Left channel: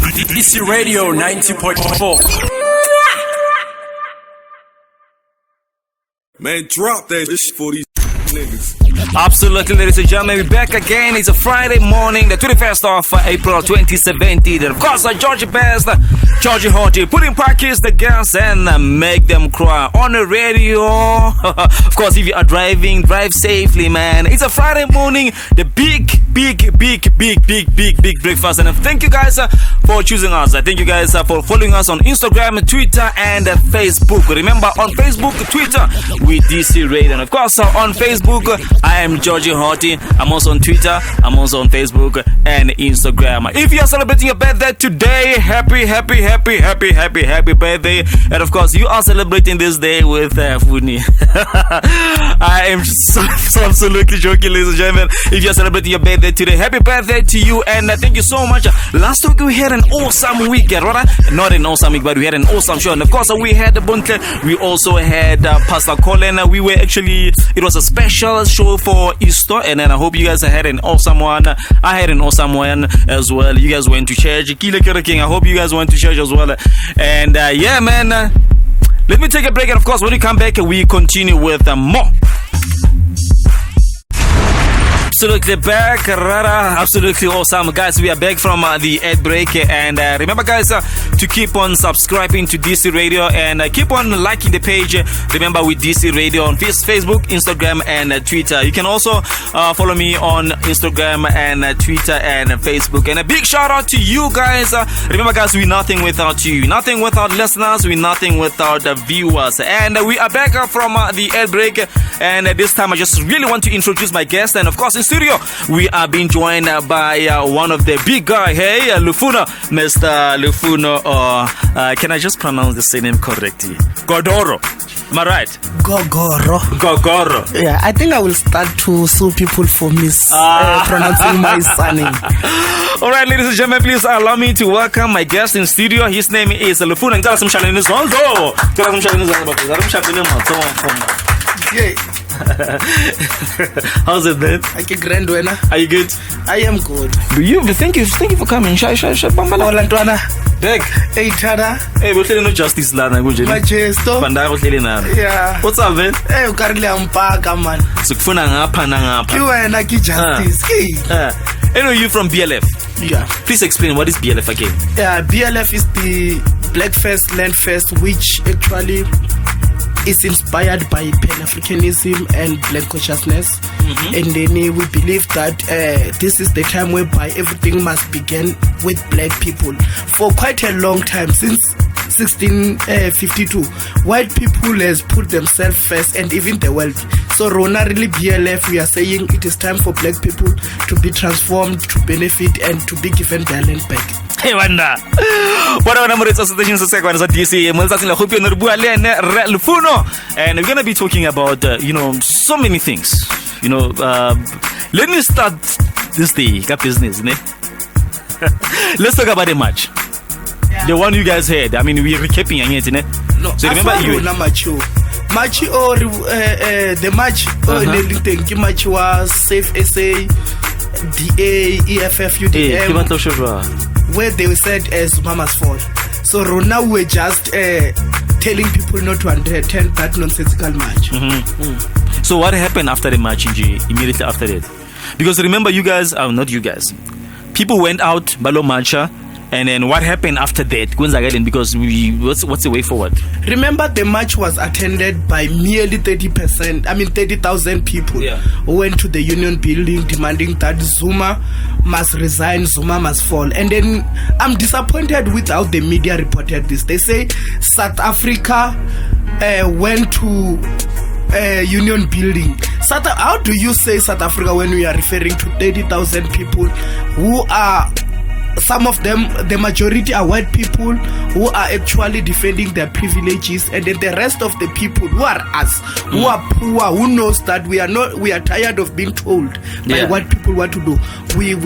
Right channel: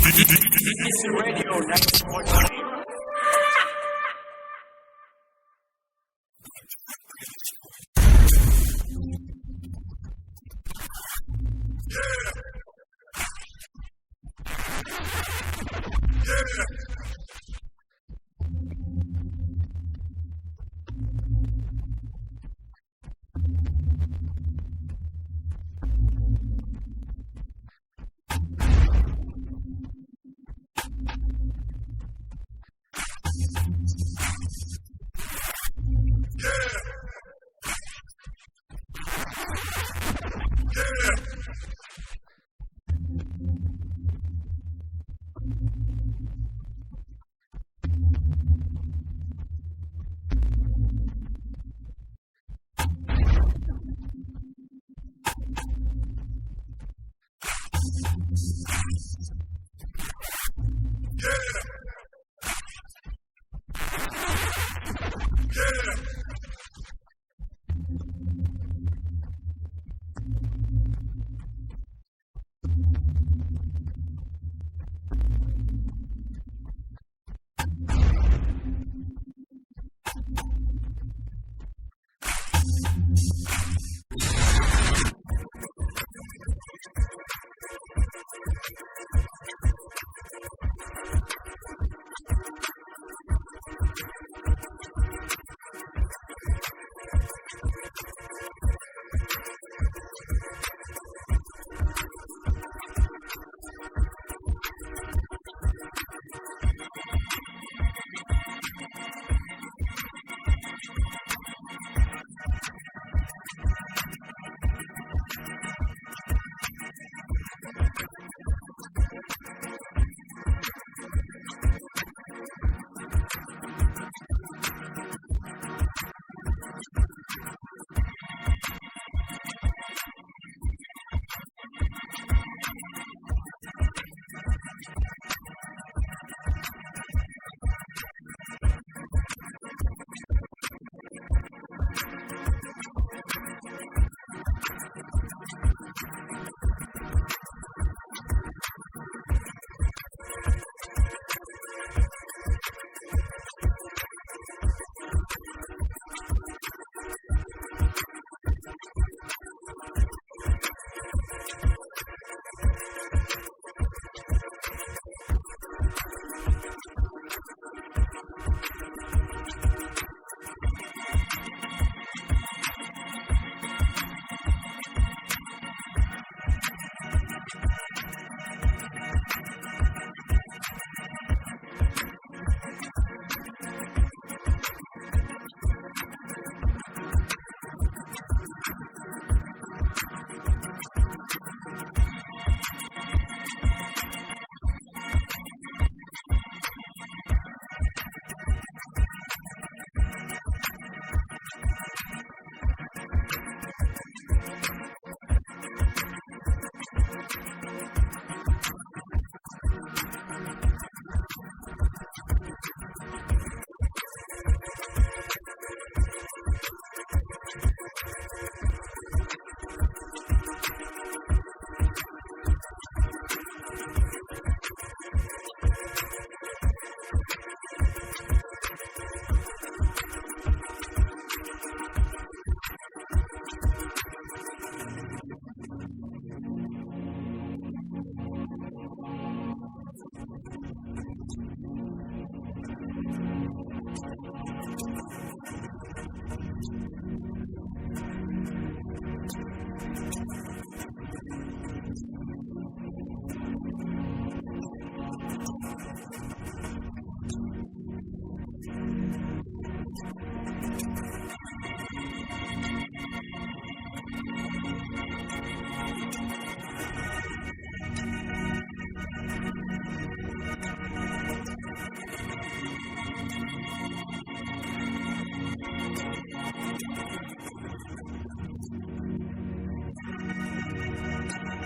DC Radio 90.4. Man, drop that shit for these niggas. Absolutely, ladies and gentlemen, we're back again. It's a Friday morning, the 21st of April 2017. And of course, Georgie Best, Georgie Horty, put in practice the girls and make them cry on the radio. Of course, if you are driving, drive safely, man. It's a Friday morning, the big breakfast. And thank you guys for choosing us. Thank you guys for following us on Instagram, Twitter, and Facebook. Remember, on Facebook, Twitter, we DC Radio. And of course, on Facebook, I am Georgie Horty. I'm also on Twitter. I'm also on Facebook and Instagram. If you are celebrating your birthday today, happy birthday. And of course, you are celebrating this day with Funi. I am so absolutely joking, ladies and gentlemen. If you are celebrating your birthday today, happy birthday to you. And thank you so much. Last week, we had an awesome weekend, right? Not an awesome week, but we had an awesome show. And of course, we had the Buntle. We also had Pastor Colin. It was a special show for Easter, and then I hope you guys had an awesome one. I had an awesome one as well. You guys went to church. I hope you guys went to church as well. And yeah, man, let me take a break, and of course, when we come back, we continue with more. Absolutely back, absolutely awesome, guys. We are back from the ad break, and remember, guys, to keep on subscribing to DC Radio and keep on liking the page. Remember, with DC Radio on Facebook, Instagram, and Twitter. You can also follow me on Instagram and Twitter and Facebook. And a big shout out to you guys. Remember, guys, we're nothing without you, nothing without listeners, we're nothing without the viewers. And we are back from the ad break, and this time I just really want to introduce my guest. And of course, in studio, we are being joined by one of the big guys. Hey, Lufuno, Mr. Lufuno, or can I just pronounce the surname correctly? Godoro. Am I right? Gogoro. Yeah, I think I will start to sue people for mispronouncing my surname. All right, ladies and gentlemen, please allow me to welcome my guest in studio. His name is Lufuno. How's it, man? Are you good? I am good. Thank you for coming. Lantwana. Beg. Hey, Tada. Hey, we're telling no justice, Lana. Majesto. Yeah. What's up, man? Hey, ukarili ampaka, man. Sukufuna ngapa. You are like justice. Anyway, you from BLF? Yeah. Please explain, what is BLF again? Yeah, BLF is the Black Fest, Land Fest, which actually is inspired by Pan-Africanism and Black consciousness. Mm-hmm. And then we believe that this is the time whereby everything must begin with black people. For quite a long time, since 1652, white people has put themselves first, and even the world. So Rona really BLF, we are saying it is time for black people to be transformed, to benefit, and to be given their land back. Hey, Wanda. What are the associations of second DC? And we're gonna be talking about so many things. Let me start this day business. Let's talk about the match. Yeah. The one you guys had. I mean, we're recapping it. No, so remember you match or the match the match was Safe SA, DA, EFF, UDM, where they said Zuma must fall. So now we're just telling people not to attend that nonsensical match. Mm-hmm. So what happened after the match, immediately after that? Because remember, you guys, not you guys, people went out, Balo Marcha, and then what happened after that? Because what's the way forward? Remember, the match was attended by merely 30,000 people who went to the Union Building demanding that Zuma must resign, Zuma must fall. And then I'm disappointed with how the media reported this. They say South Africa went to Union Building. How do you say South Africa when we are referring to 30,000 people who are, some of them, the majority are white people who are actually defending their privileges, and then the rest of the people who are us, who are poor, who knows that we are tired of being told by white people what to do. We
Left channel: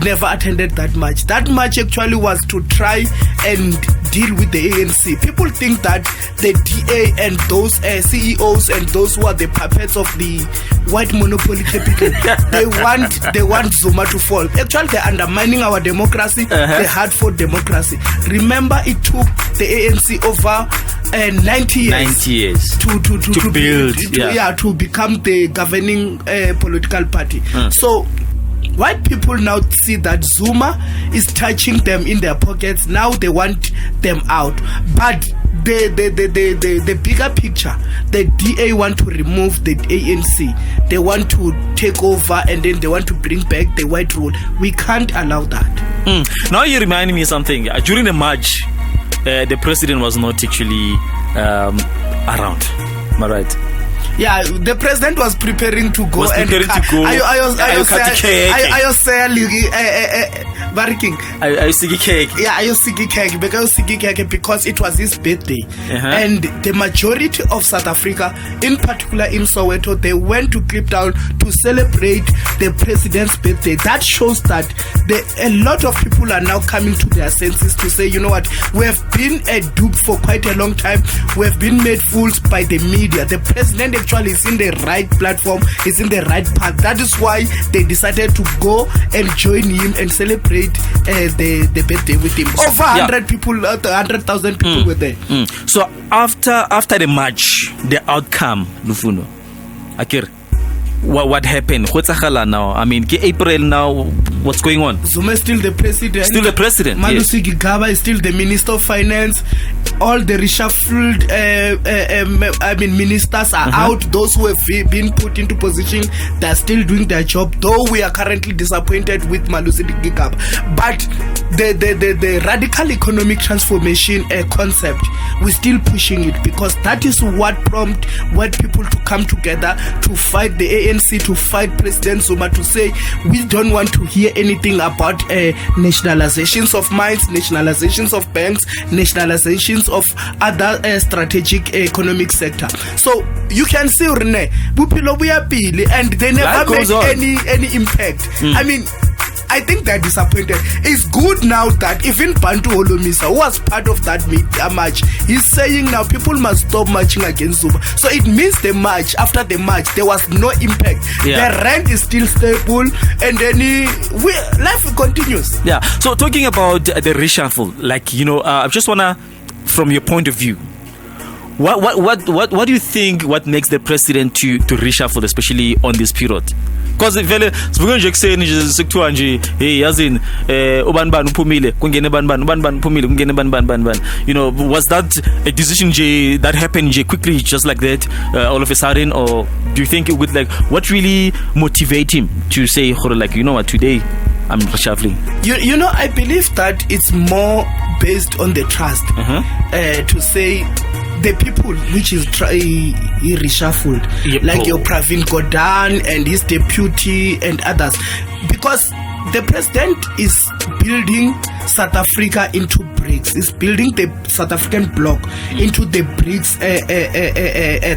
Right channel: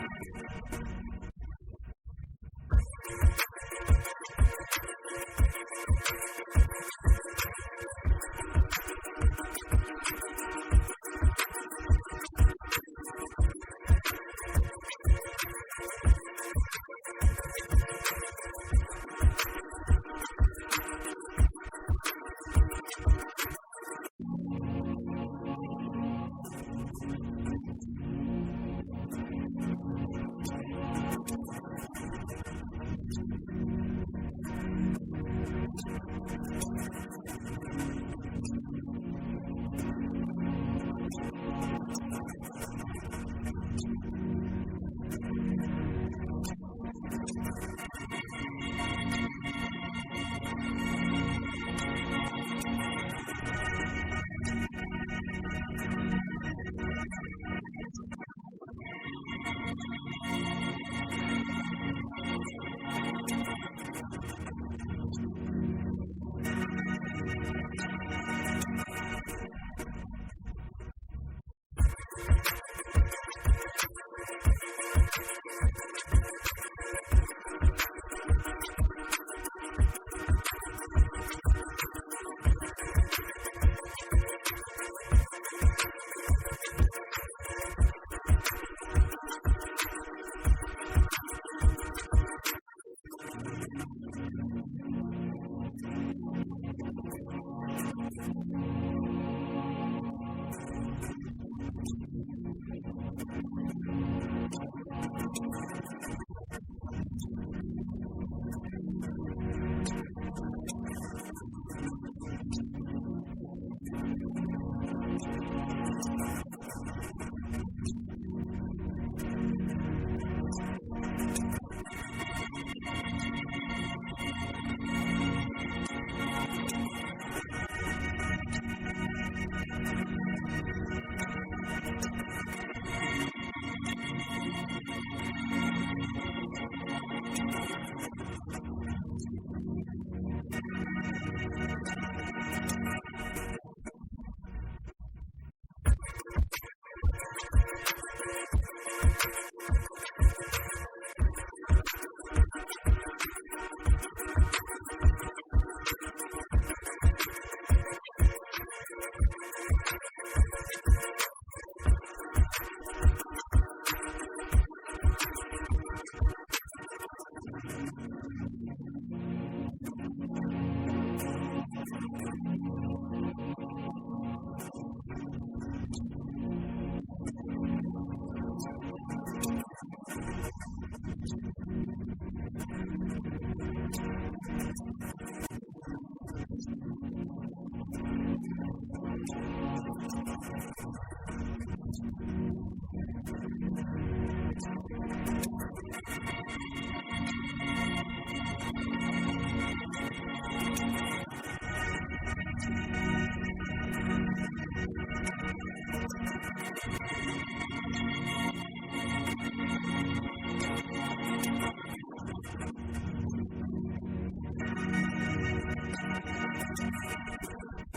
never attended that match. That match actually was to try and deal with the ANC. People think that the DA and those CEOs and those who are the puppets of the white monopoly capital, they want Zuma to fall. Actually, they're undermining our democracy, the heart for democracy. Remember, it took the ANC over 90 years to build, to become the governing political party. So white people now see that Zuma is touching them in their pockets. Now they want them out, but the bigger picture, the DA want to remove the ANC. They want to take over, and then they want to bring back the white rule. We can't allow that. Now you remind me of something. During the march, the president was not actually around. Am I right? Yeah, the president was preparing to go. I because it was his birthday. And the majority of South Africa, in particular in Soweto, they went to Cape Town to celebrate the president's birthday. That shows that a lot of people are now coming to their senses to say, you know what, we have been a dupe for quite a long time. We have been made fools by the media. The president actually is in the right platform, is in the right path. That is why they decided to go and join him and celebrate the birthday with him. Over 100 people, 100,000 people were there. So after the march, the outcome, Lufuno, Akir, what happened? What's now? I mean, April now, what's going on? Zuma is still the president. Still the president. Malusi Gigaba is still the Minister of Finance. All the reshuffled ministers are out. Those who have been put into position, they are still doing their job, though we are currently disappointed with Malusi Gigaba. But the radical economic transformation concept, we're still pushing it, because that is what prompted white people to come together to fight the ANC, to fight President Zuma, to say we don't want to hear anything about nationalizations of mines, nationalizations of banks, nationalizations of other strategic economic sector. So you can see, Rene, and they never made any impact. I mean, I think they're disappointed. It's good now that even Bantu Holomisa, who was part of that march, he's saying now people must stop marching against Zuma. So it means the march, after the march, there was no impact. The rent is still stable, and then life continues. Yeah. So talking about the reshuffle, like, I just wanna, from your point of view, what do you think? What makes the president to reshuffle, especially on this period? Because vele sivuke nje kuseni nje sekuthiwa nje hey yazini ubani bani uphumile kungene bani bani uphumile kungene bani. Was that a decision nje that happened nje quickly, just like that, all of a sudden? Or do you think it would, like, what really motivate him to say, like, you know what, today I'm reshuffling? I believe that it's more based on the trust. To say the people which is he reshuffled, like your Pravin Gordhan and his deputy and others, because the president is building South Africa into BRICS. Is building the South African bloc into the BRICS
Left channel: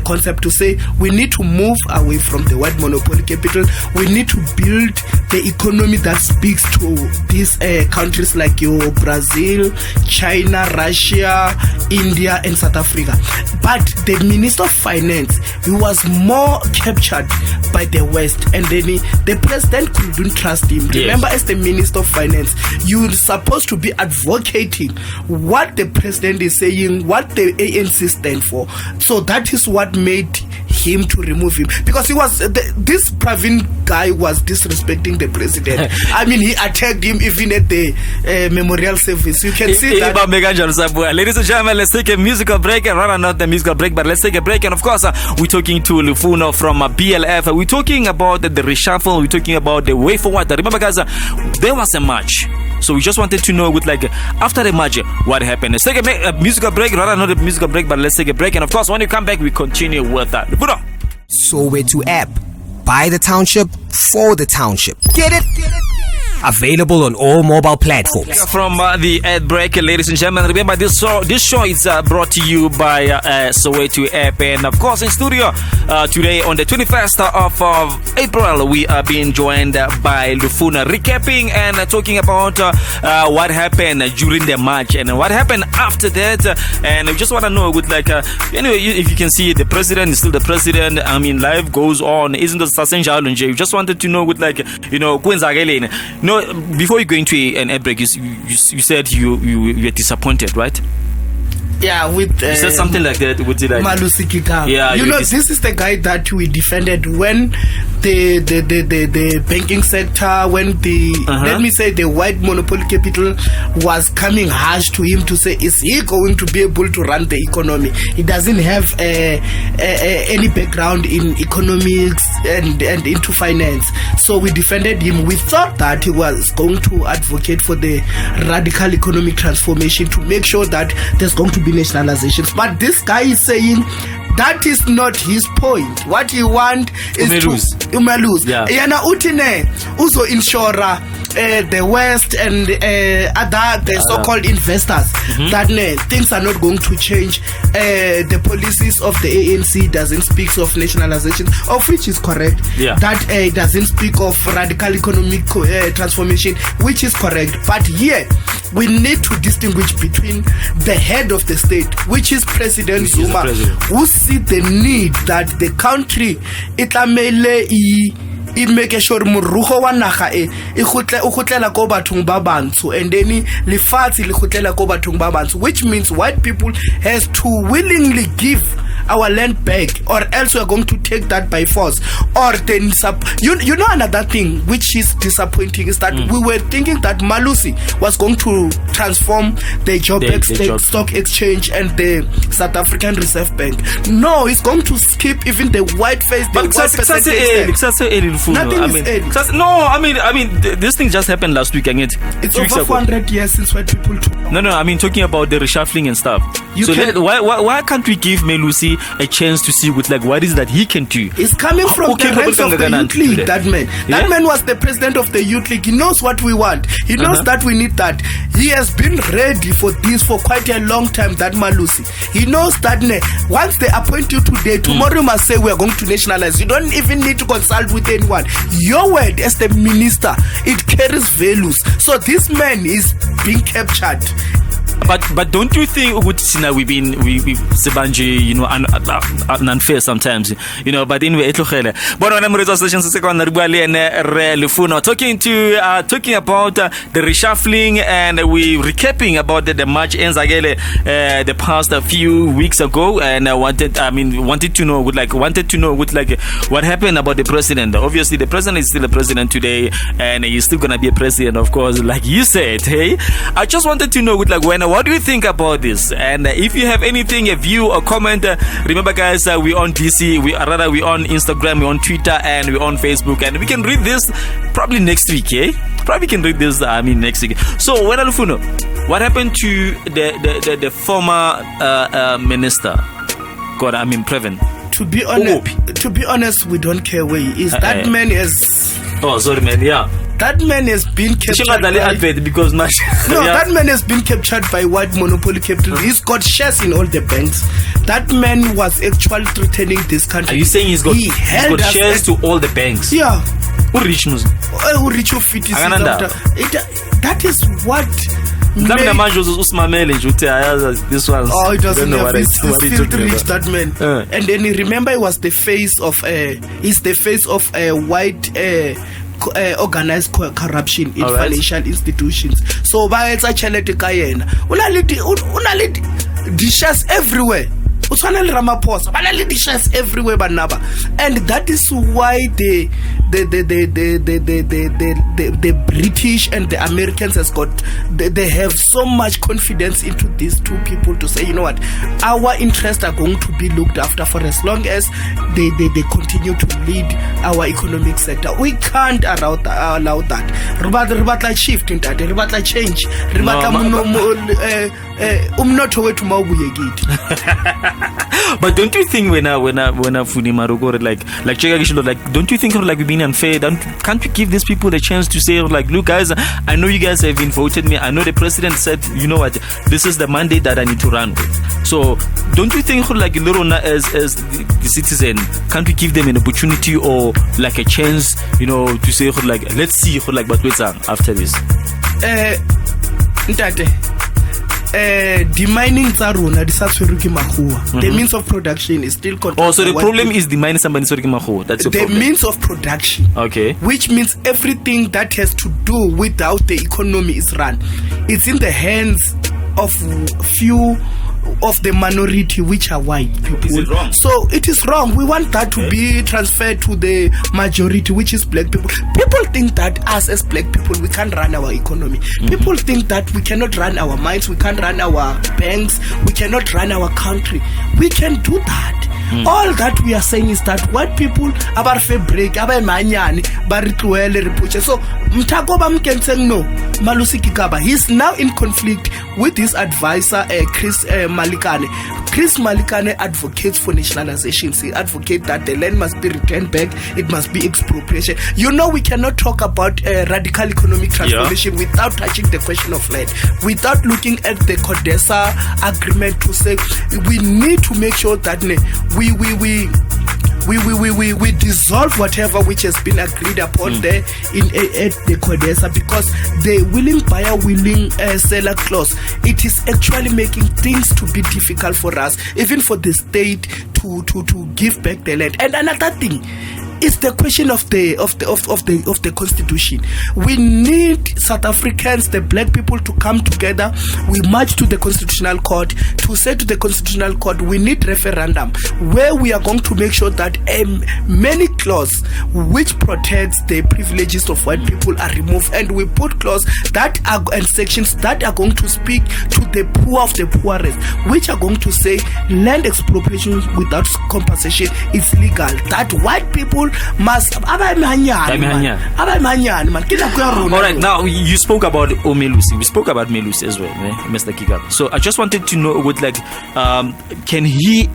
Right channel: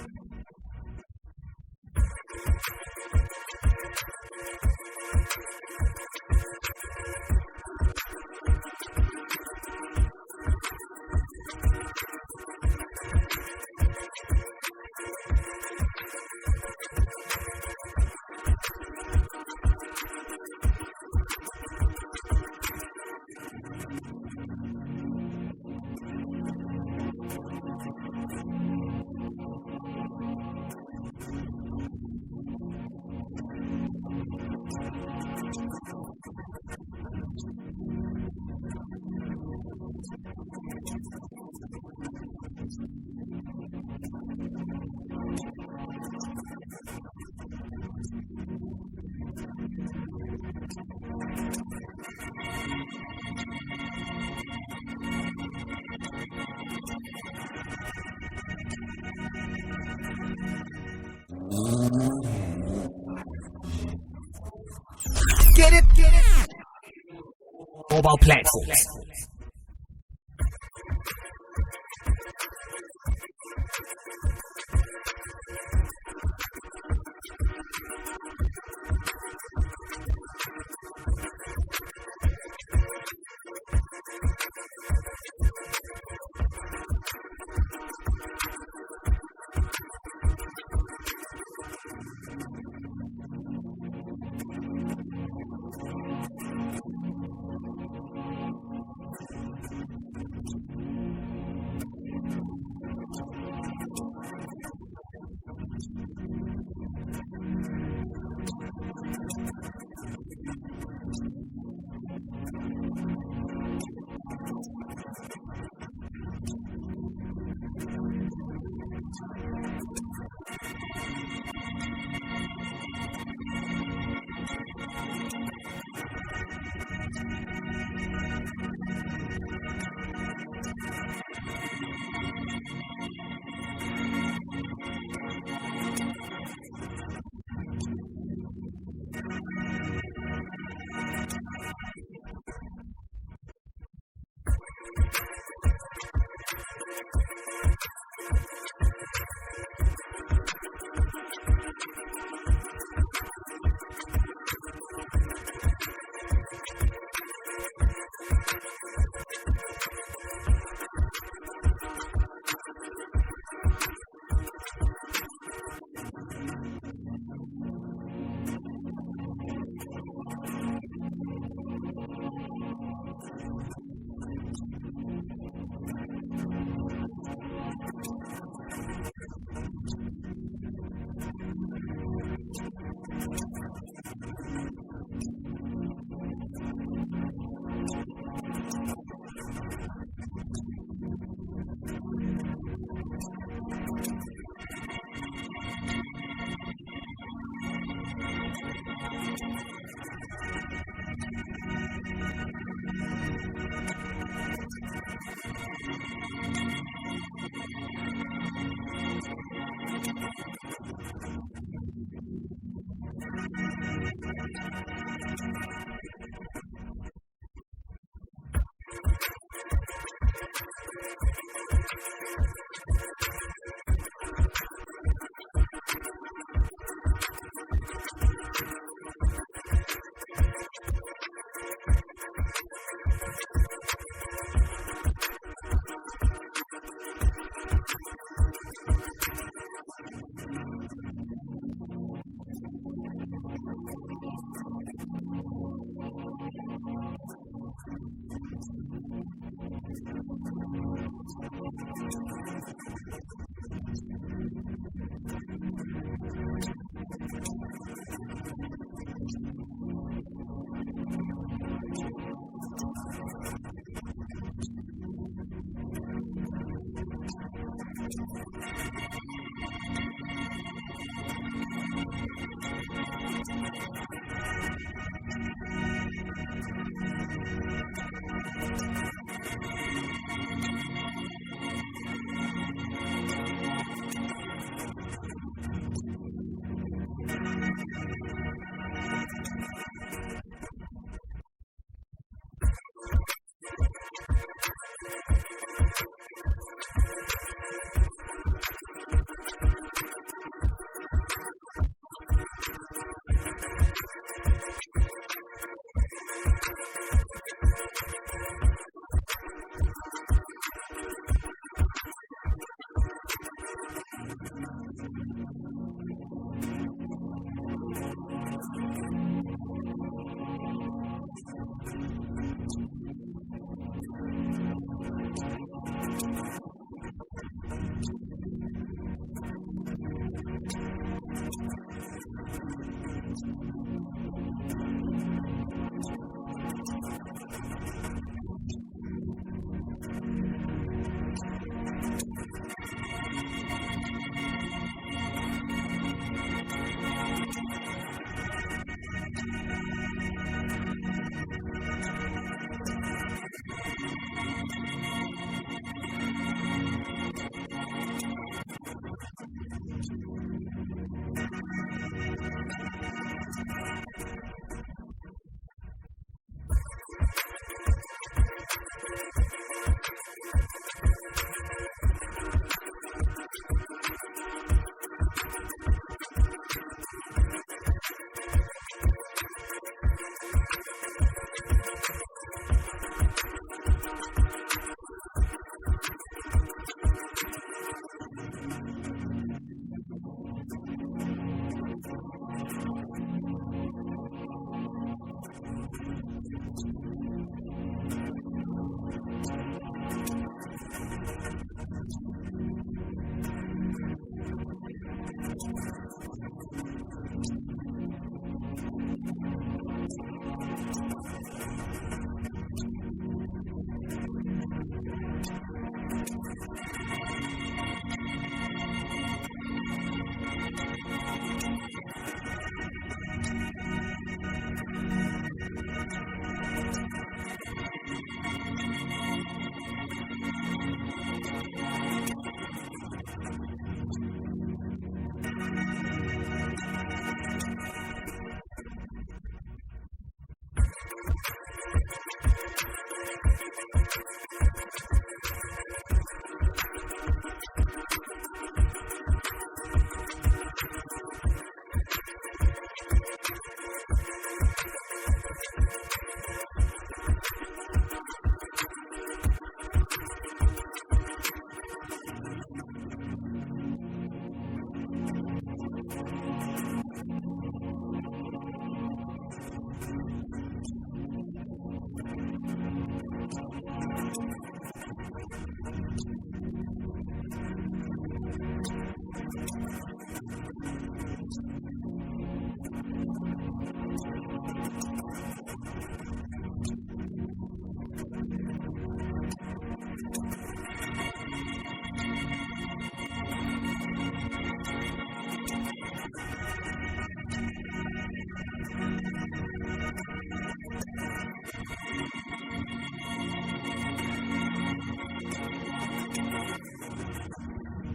concept, to say we need to move away from the white monopoly capital. We need to build the economy that speaks to these countries like your Brazil, China, Russia, India, and South Africa. But the Minister of Finance, he was more captured by the West, and then the president couldn't trust him. Remember, as the Minister of Finance, you're supposed to be advocating what the president is saying, what the ANC stand for. So that is what made him to remove him, because he was this Pravin guy was disrespecting the president. I mean, he attacked him even at the memorial service. You can see that. Ladies and gentlemen, let's take a musical break. Rather not the musical break, but let's take a break. And of course, we're talking to Lufuno from BLF. We're talking about the reshuffle. We're talking about the way forward. Remember, guys, there was a march. So we just wanted to know, with, like, after the march, what happened. Let's take a musical break. Rather not a musical break, but let's take a break. And of course, when you come back, we continue with that. Soweto app. By the township, for the township. Get it? Available on all mobile platforms. From the ad break, ladies and gentlemen, remember this show is brought to you by Soweto app. And of course, in studio today on the 21st of April, we are being joined by Lufuno, recapping and talking about what happened during the march and what happened after that. And we just want to know, with, like, anyway, if you can see, the president is still the president. I mean, life goes on, isn't it? We just wanted to know, with, like, No, before you go into an ad break, you said you were disappointed, right? Yeah, with you said something like that. Would you like Malusi Kikang? Yeah, this is the guy that we defended when the banking sector, when let me say the white monopoly capital was coming harsh to him to say, is he going to be able to run the economy? He doesn't have any background in economics and into finance. So we defended him. We thought that he was going to advocate for the radical economic transformation to make sure that there's going to be nationalizations. But this guy is saying that is not his point. What he want is umelose. Yana utine uzo insura the West and other the so-called investors that things are not going to change. The policies of the ANC doesn't speak of nationalization, of which is correct. That doesn't speak of radical economic transformation, which is correct. But here we need to distinguish between the head of the state, which is President Zuma, who see the need that the country it make sure morugo wa naga e gotlela ko bathong ba bantsho, and then lefatshe le gotlela ko bathong ba bantsho, which means white people has to willingly give our land back, or else we are going to take that by force. Or then you know another thing which is disappointing is that we were thinking that Malusi was going to transform the Joburg Stock Exchange and the South African Reserve Bank. No, he's going to skip even the white face. Nothing is I mean this thing just happened last week, and it's over 400 years since white people took. No, I mean talking about the reshuffling and stuff. Why can't we give Melusi a chance to see with what is that he can do? It's coming from the ranks of the Youth League, that man. That man was the president of the Youth League. He knows what we want. He knows that we need that. He has been ready for this for quite a long time, that Malusi. He knows that once they appoint you today, tomorrow you must say we are going to nationalize. You don't even need to consult with anyone. Your word as the minister, it carries values. So this man is being captured. But don't you think we've Sebanje, unfair sometimes, but anyway, talking about the reshuffling, and we recapping about the March ends the past few weeks ago, and I wanted to know what happened about the president. Obviously the president is still a president today, and he's still gonna be a president, of course, like you said. Hey, I just wanted to know what do you think about this? And if you have anything, a view or comment, remember guys, we're on DC, we're on Instagram, we're on Twitter, and we're on Facebook, and we can read this probably next week, Probably can read this next week. So what happened to the former minister? Previn? To be honest, we don't care where he is. That man is. Oh, sorry, man. Yeah. That man has been captured that man has been captured by white monopoly capital. He's got shares in all the banks. That man was actually threatening this country. Are you saying he's got shares to all the banks? Yeah. Who rich? That is what. This one. Oh, it doesn't have. He's still rich, that man. And then remember, he was the face of a white. Organized corruption in financial institutions. So by it's actually dishes everywhere. Dishes everywhere, and that is why the British and the Americans they have so much confidence into these two people to say, you know what, our interests are going to be looked after for as long as they continue to lead our economic sector. We can't allow that. Ribatla shift in that. Ribatla change. But don't you think when don't you think we've been unfair? Can't we give these people the chance to say look guys, I know you guys have been voted me. I know the president said, you know what, this is the mandate that I need to run with. So don't you think as the citizen, can't we give them an opportunity or a chance, to say let's see what we're after this? the mining tsa rona di sa tshwerwe ke makgowa. The means of production is still controlled. Oh, so the problem is the mining somebody tshwerwe ke makgowa. That's the problem. The means of production. Okay. Which means everything that has to do with how the economy is run, it's in the hands of few of the minority, which are white people. Is it wrong? So it is wrong. We want that to be transferred to the majority, which is black people. People think that us as black people, we can't run our economy. People think that we cannot run our mines, we can't run our banks, we cannot run our country. We can do that. All that we are saying is that white people abar fe break abar manyani bari tluele repuche. So Mtagoba Mkenseng no Malusi Kikaba, he's now in conflict with his advisor Chris Malikane. Chris Malikane advocates for nationalization. He advocates that the land must be returned back, it must be expropriation. You know, we cannot talk about radical economic transformation without touching the question of land, without looking at the Codesa agreement to say we need to make sure that we dissolve whatever which has been agreed upon there at the Codesa, because the willing buyer, willing seller clause, it is actually making things to be difficult for us, even for the state to give back the land. And another thing is the question of the constitution. We need South Africans, the black people, to come together. We march to the constitutional court to say to the constitutional court, we need referendum where we are going to make sure that many clause which protects the privileges of white people are removed, and we put clause that are and sections that are going to speak to the poor of the poorest, which are going to say land expropriation without compensation is legal. That white people must. All right, now you spoke about Melusi. We spoke about Melusi as well, Mr. Kikaba. So I just wanted to know, can he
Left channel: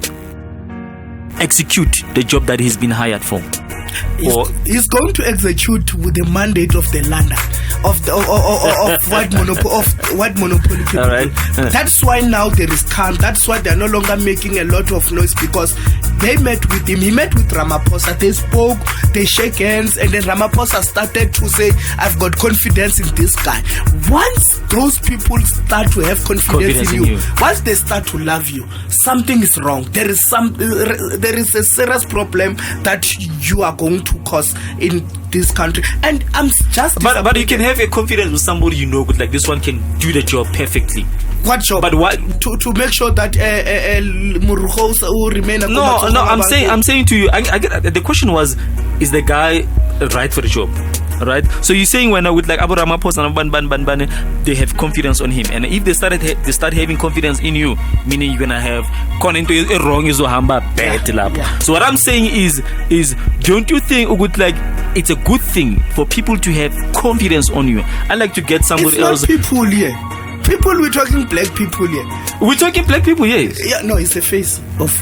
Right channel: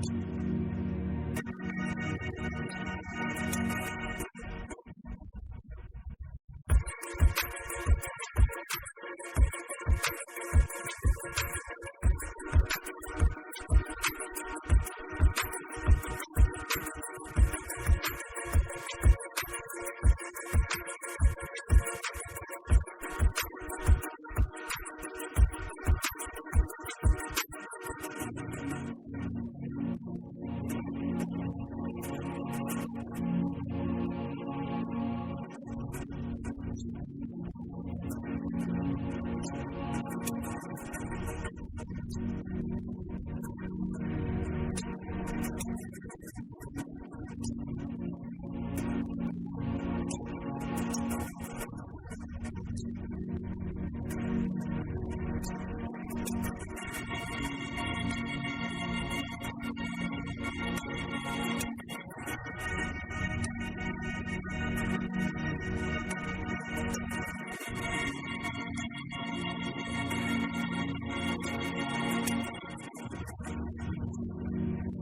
execute the job that he's been hired for? He's going to execute with the mandate of the lander of white monopoly people. All right. That's why now there is calm. That's why they're no longer making a lot of noise, because they met with him. He met with Ramaphosa. They spoke, they shake hands, and then Ramaphosa started to say, I've got confidence in this guy. Once those people start to have confidence in you, once they start to love you, something is wrong. There is a serious problem that you are going to cause in this country. And I'm just but you can have a confidence with somebody you know, like this one can do the job perfectly. What job? But what to make sure that Muruhosa will remain a I'm saying to you, I get the question was, is the guy right for the job? Right, so you're saying when with like Abu Ramaphosa and they have confidence on him, and if they start having confidence in you, meaning you're gonna have gone into a wrong bad lap. So what I'm saying is don't you think it's a good thing for people to have confidence on you? I like to get somebody else. People here. People, we're talking black people here. We're talking black people, yes. Yeah, no, it's the face of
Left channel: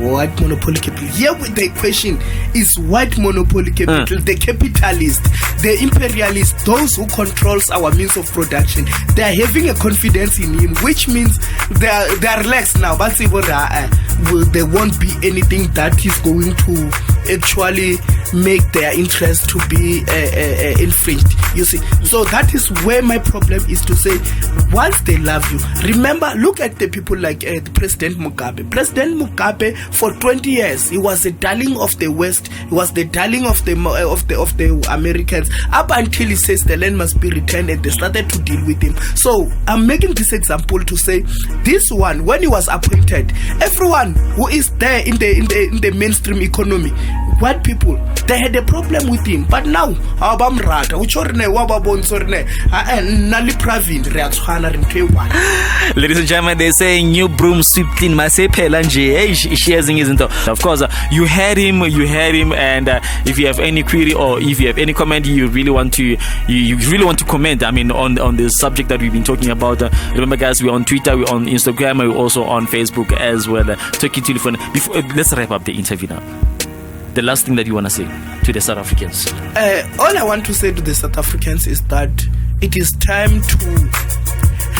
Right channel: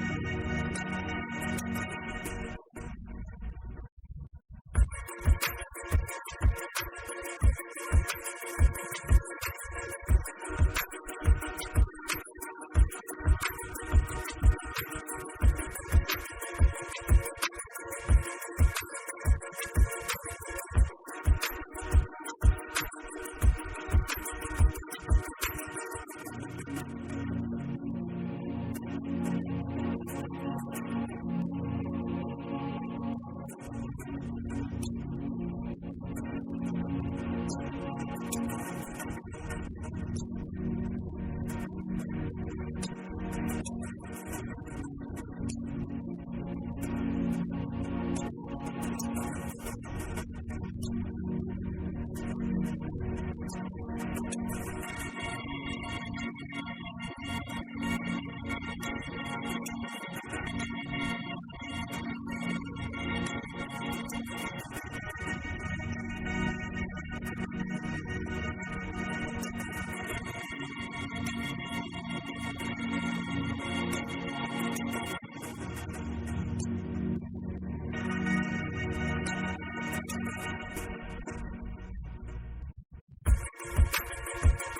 white monopoly capital. Here the question is white monopoly capital, the capitalist, the imperialist, those who controls our means of production. They are having a confidence in him, which means they are relaxed now. But there won't be anything that is going to actually make their interest to be infringed. You see, so that is where my problem is, to say, once they love you, remember, look at the people like President Mugabe. President Mugabe, for 20 years, he was the darling of the West. He was the darling of the Americans, up until he says the land must be returned, and they started to deal with him. So I'm making this example to say, this one, when he was appointed, everyone who is there in the mainstream economy, white people, they had a problem with him. But now, ladies and gentlemen, they're saying new broom sweep clean. Of course, you heard him, and if you have any query or if you have any comment, you really want to comment, on the subject that we've been talking about. Remember, guys, we're on Twitter, we're on Instagram, we're also on Facebook as well. Talking telephone. Let's wrap up the interview now. The last thing that you want to say to the South Africans? All I want to say to the South Africans is that it is time to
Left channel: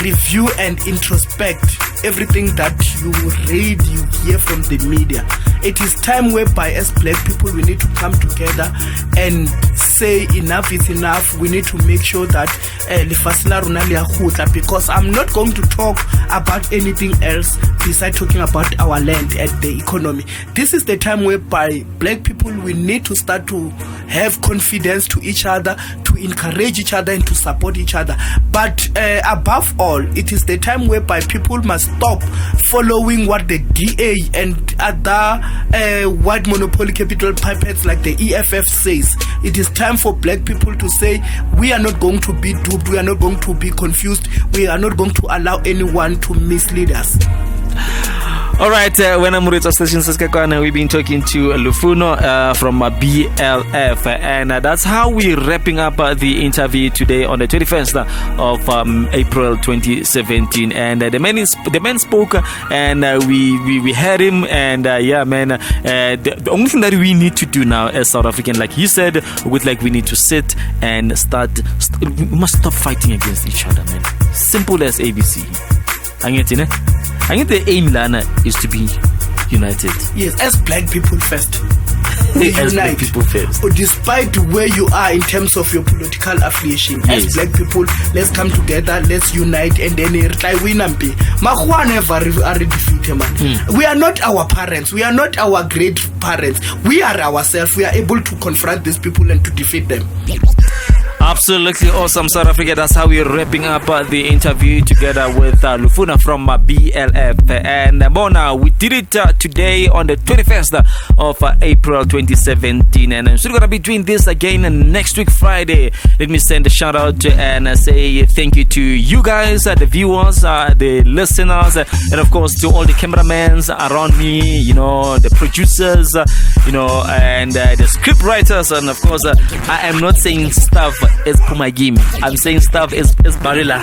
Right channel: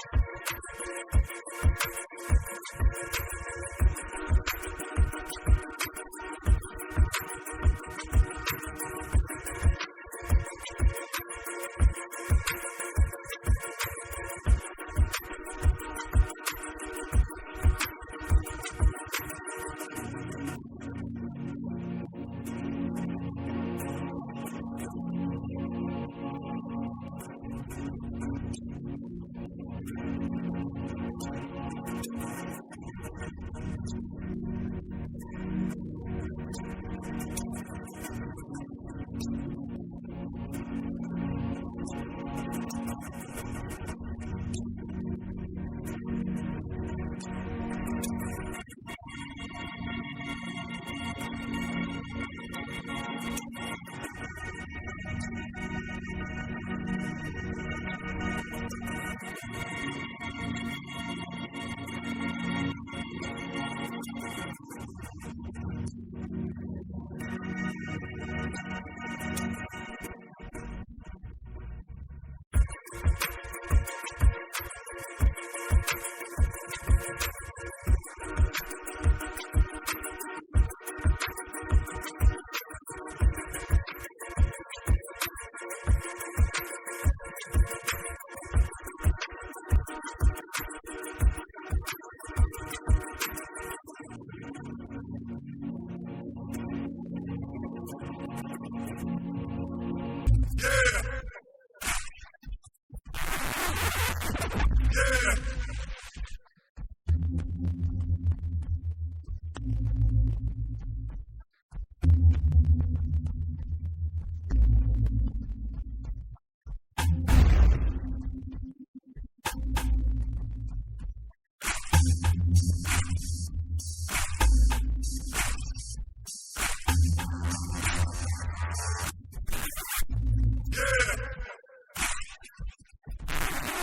review and introspect everything that you read, you hear from the media. It is time whereby, as black people, we need to come together and say say enough is enough. We need to make sure that because I'm not going to talk about anything else besides talking about our land and the economy. This is the time whereby black people, we need to start to have confidence to each other, to encourage each other and to support each other. But above all, it is the time whereby people must stop following what the DA and other white monopoly capital puppets like the EFF says. It is time for black people to say, we are not going to be duped, we are not going to be confused, we are not going to allow anyone to mislead us. All right, when I'm with Station Saskatchewan, we've been talking to Lufuno from BLF, and that's how we're wrapping up the interview today on the 21st of April 2017. And the man spoke, and we heard him, and yeah, man, the only thing that we need to do now as South African, like he said, we need to sit and we must stop fighting against each other, man. Simple as ABC. I think the aim, Lana, is to be united. Yes, as black people first. We as unite. black people first. But despite where you are in terms of your political affiliation, yes, as black people, let's come together, let's unite, and then we are defeated, man. We are not our parents, we are not our great parents. We are ourselves. We are able to confront these people and to defeat them. Absolutely awesome, South Africa. That's how we're wrapping up the interview together with Lufuna from BLF. And Mona, we did it today on the 21st of April 2017. And I'm still going to be doing this again next week, Friday. Let me send a shout out and say thank you to you guys, the viewers, the listeners, and of course to all the cameramans around me, you know, the producers, you know, and the script writers. And of course, I am not saying stuff is Pumagimi. I'm saying stuff is Barilla.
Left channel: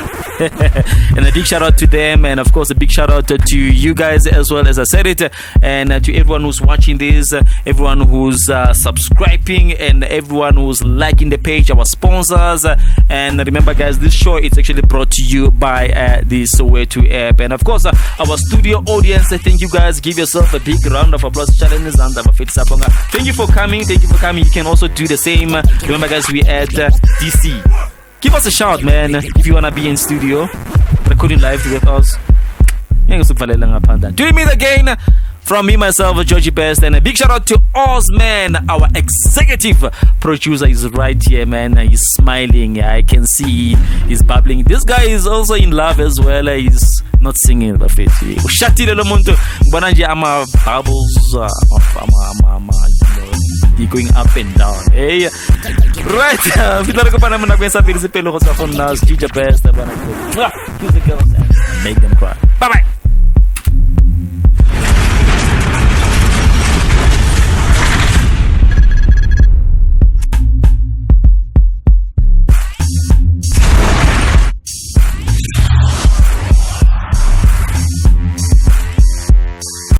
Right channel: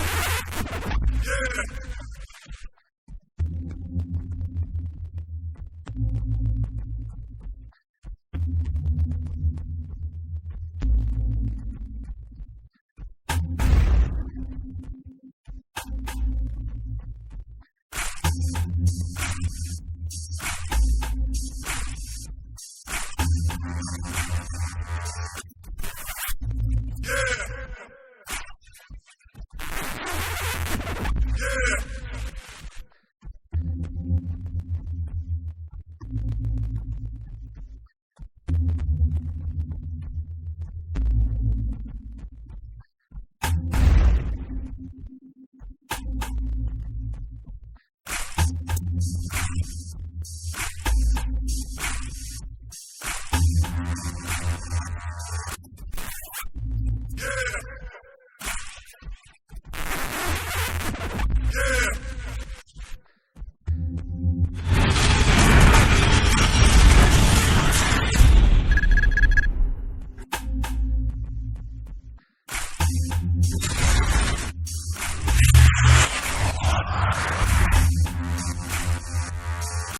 And a big shout out to them, and of course a big shout out to you guys as well, as I said it, and to everyone who's watching this, everyone who's subscribing, and everyone who's liking the page, our sponsors. And remember guys, this show is actually brought to you by the Soweto app, and of course our studio audience. Thank you guys. Give yourself a big round of applause. Thank you for coming. You can also do the same. Remember guys, we at DC. Give us a shout, man, if you wanna be in studio recording live with us. Do you meet again? From me, myself, Georgie Best, and a big shout out to Osman, our executive producer. Is right here, man. He's smiling. I can see he's bubbling. This guy is also in love as well. He's not singing the face. Shati le muntu. Bananje ama bubbles. You're going up and down. Hey, right. Make them cry. Bye bye.